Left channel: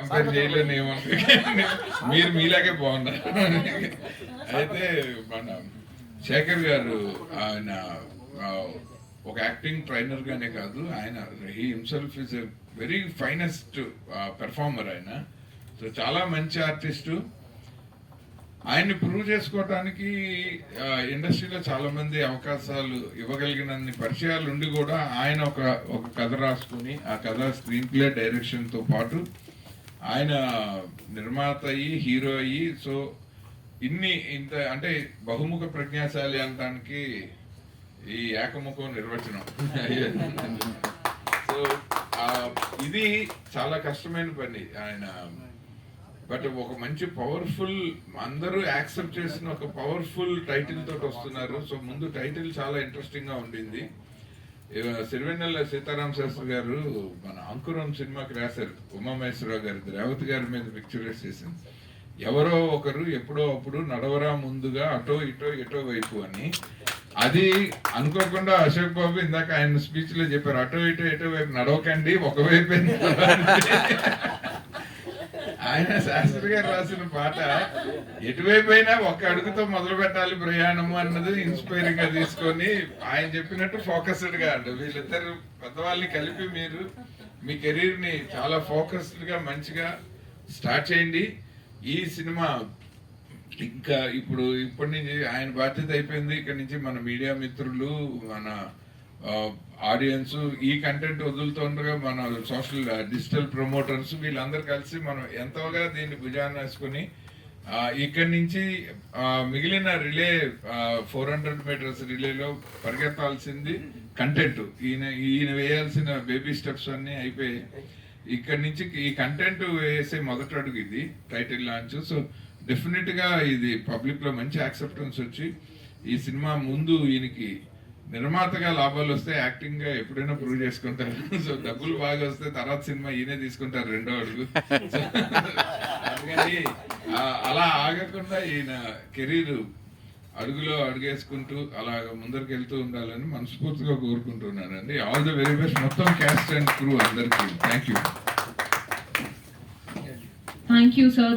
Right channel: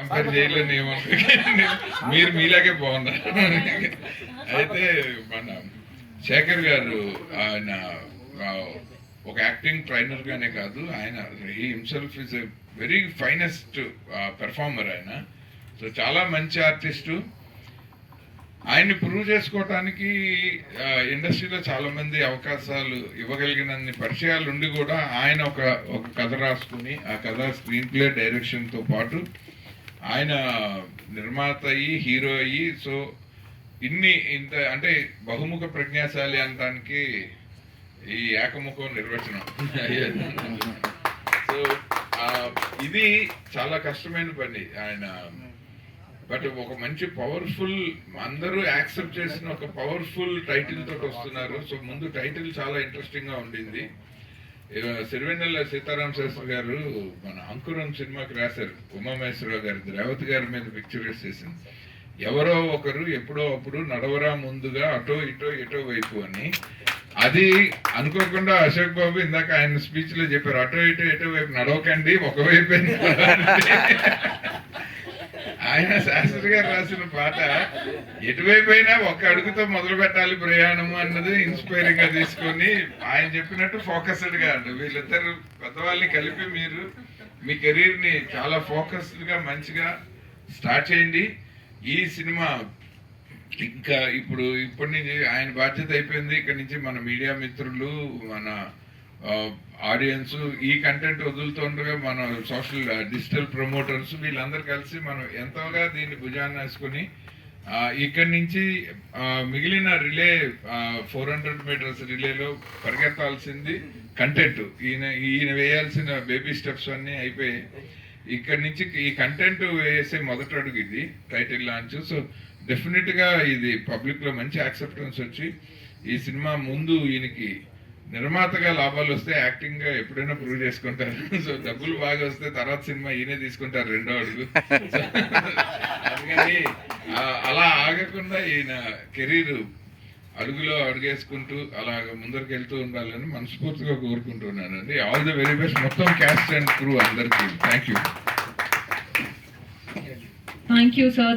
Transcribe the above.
Compare చేయలేని మీరు మీలాగే బాగున్నారు. అయితే మన శేఖర్ గారు ఆయన ఒక యాక్టింగ్ ట్రైనర్ గానే కాదు, ఆయన he himself is a very finest performer. ఆయన సో చాలా మంచి ఆర్టిస్టు. ఆయన్ని ప్రూవ్ చేసుకోవటానికి ఇండస్ట్రీలో చాలా మంది అవకాశాలు ఇవ్వగలిగినన్ని పరిచయాలు ఉండి కూడా ఆయన ఒక కథ రాసుకుని ఆ కథ స్క్రీన్ ప్లే డైరెక్షన్తో పాటు ఆయన నిర్మాత అయ్యి హీరో అయ్యి సో ఇంత అంటే బహుముఖ ప్రజ్ఞాశాలి అనడానికి ఈ ఏకముఖం నిర్వచనం. సో ఇది చాలా కష్టమైన పని ఆయన. బట్ ఒక మంచి పవర్ఫుల్, అందరూ యాక్సెప్ట్ చేసిన ఒక పవర్ఫుల్ టైటిల్ తోటి వస్తున్నారు. సో ముందు టైటిల్ చాలా ఇంట్రెస్టింగ్ గా ఉండింది. సిరివెన్నెల సీతారాం శాస్త్రి గారు మన అంకురం సినిమాకి రాశారు, ఉమామహేశ్వరరావు గారి రేవతి గారి మీద పిక్చరైజ్ చేసింది. ఎవరో ఒకరు ఎప్పుడో అప్పుడు నడవరా ముందుగా అటో ఇటో వైపు అని. అది అనుకోకుండా అశోక్ బాబు ఇందాక ఆయన స్పీచ్ లో చెప్పారు, అటో ఇటో వైపు నడవకండి, ఒకవైపు. ఆయన శాస్త్రి గారు రాసిన పాట ఎటువైపు అయినా ఒక అడుగుతో మొదలు పెట్టాలి ప్రయాణము అన్నది ఇన్స్పైరింగ్ గా తీసుకొని ఆయన చెప్పినట్టు ఫోకస్డ్ గా అండి వీళ్ళిద్దరు పెద్దవాళ్ళని కలిపి మీరు మీ కెరీర్ ని చాలా ఫోకస్డ్ గా మంచిగా స్టార్ట్ చేయండి. ఈ సినిమా ఇంకా ఇప్పటి నుంచి ఆయన బాధ్యత అయిపోయింది. ఇక్కడ నుంచి మన మీడియా మిత్రులు, మన ఆడియన్స్, ఈ కంటెంట్ వదులుతుండగా మన సోషల్ డిజిటల్ ప్రమోటర్స్ వీళ్ళందరూ కలిసి మనం ఎంతోగా దీన్ని భుజాన్ని వేసుకుని ఇక్కడి నుంచి మిగిలిన రిలే 400 మీటర్స్ రిలేలో పరిగెత్తాల్సింది కంటెంట్. ఈయన వేయాల్సిన బేబీ స్టెప్స్ అన్నీ అయిపోయి ఇక్కడి నుంచి ఈ కంటెంట్ వేసే మొదటి అడుగు ఇది టైటిల్ లాంచ్. సో డెఫినెట్ గా ఇది పబ్లిక్ లో మంచి యాక్సెప్టెన్స్ వచ్చి ఈ సినిమా ముందు ఈయనకి నిర్మాతగా లాభాలు వస్తే యాక్టింగ్ గా ఎప్పుడైనా ప్రూవ్ చేసుకుంటారు. సో డబ్బులు బాగా వస్తే తర్వాత సినిమా ఈయనే తీసుకుంటారు రెండో అడుగు. అందుకని అలా ఆగకుండా ఈయన కెరీర్ అడుగులో అడుగేసుకుంటూ అలా ముందరికి వెళ్తూ ఉండాలని మనస్ఫూర్తిగా కోరుకుంటున్నానండి. ఆల్ ది వెరీ బెస్ట్ మొత్తం క్యాస్ట్ అండ్ క్రూ అందరికీ. Thank you. Thank you sir.